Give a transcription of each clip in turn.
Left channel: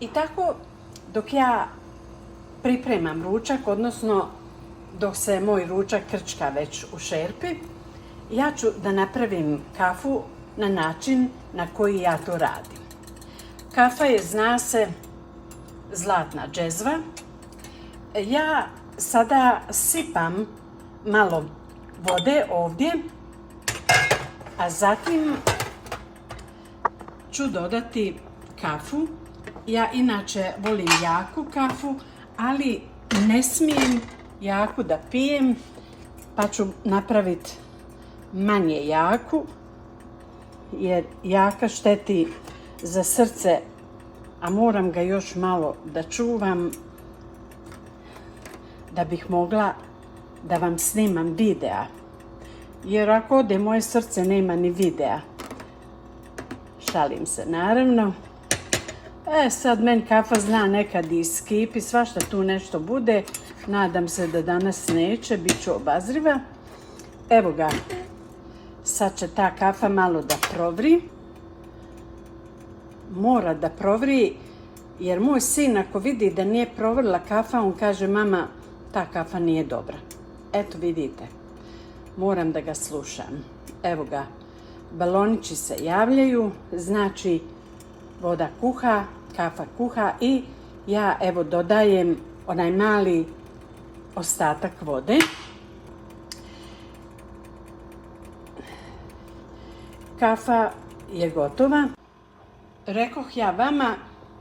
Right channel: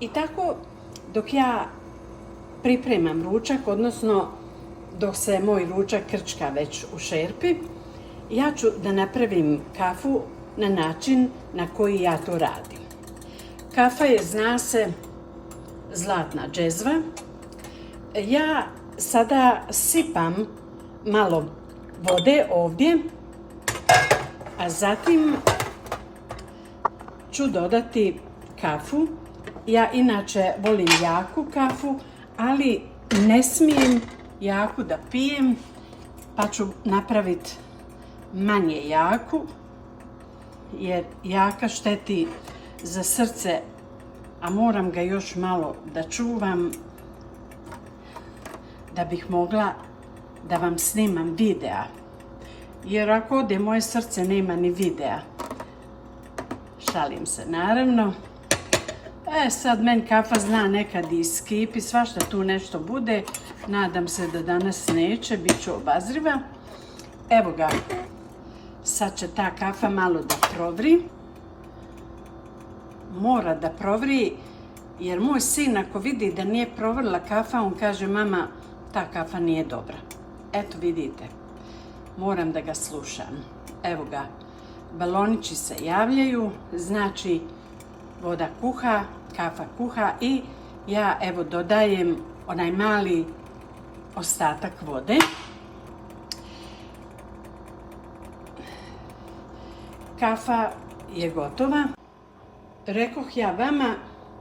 I tako dok ja pripremam ručak, odnosno dok se moj ručak krčka već u šerpi, ja ću da napravim kafu na način na koji ja to radim. Kafa je, zna se, zlatna džezva. Ja sada sipam malo vode ovdje, a zatim ću dodati kafu. Ja inače volim jaku kafu, ali ne smijem jaku da pijem, pa ću napraviti manje jaku, jer jaka šteti za srce, a moram ga još malo da čuvam da bih mogla da vam snimam videa. Jer ako ode moje srce, nema ni videa. Šalim se, naravno. Sad meni kafa zna nekad i iskipi, svašta tu nešto bude. Nadam se da danas neće, bit ću obazriva. Evo ga, sad će ta kafa malo da provri. Mora da provri, jer moj sin ako vidi da nije provrila kafa, on kaže: mama, ta kafa nije dobra. Eto vidite, moram da ga slušam. Evo ga, balonići se javljaju, znači voda kuha, kafa kuha i ja evo dodajem onaj mali ostatak vode. Kafa je gotova. Rekoh ja vama,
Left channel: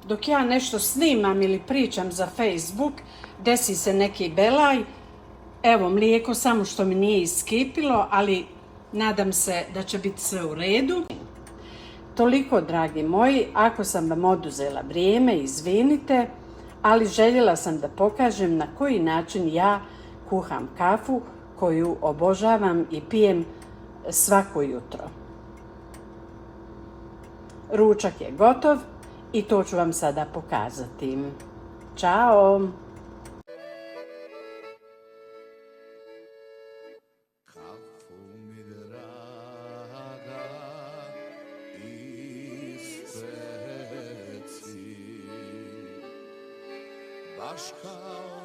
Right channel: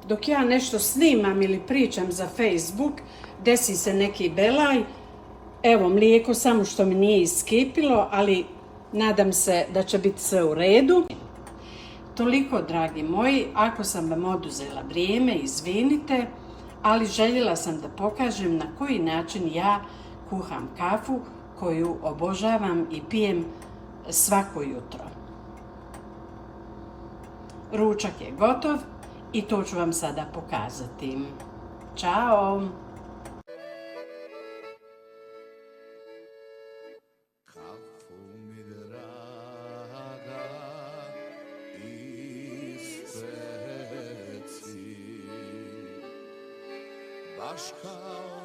dok ja nešto snimam ili pričam za Facebook, desi se neki belaj. Evo mlijeko, samo što mi nije iskipilo, ali nadam se da će biti sve u redu. Toliko, dragi moji, ako sam vam oduzela vrijeme, izvinite, ali željela sam da pokažem na koji način ja kuham kafu koju obožavam i pijem svako jutro. Ručak je gotov i to ću vam sada pokazati. Ćao! Kafu mi draga ispeci, baš kao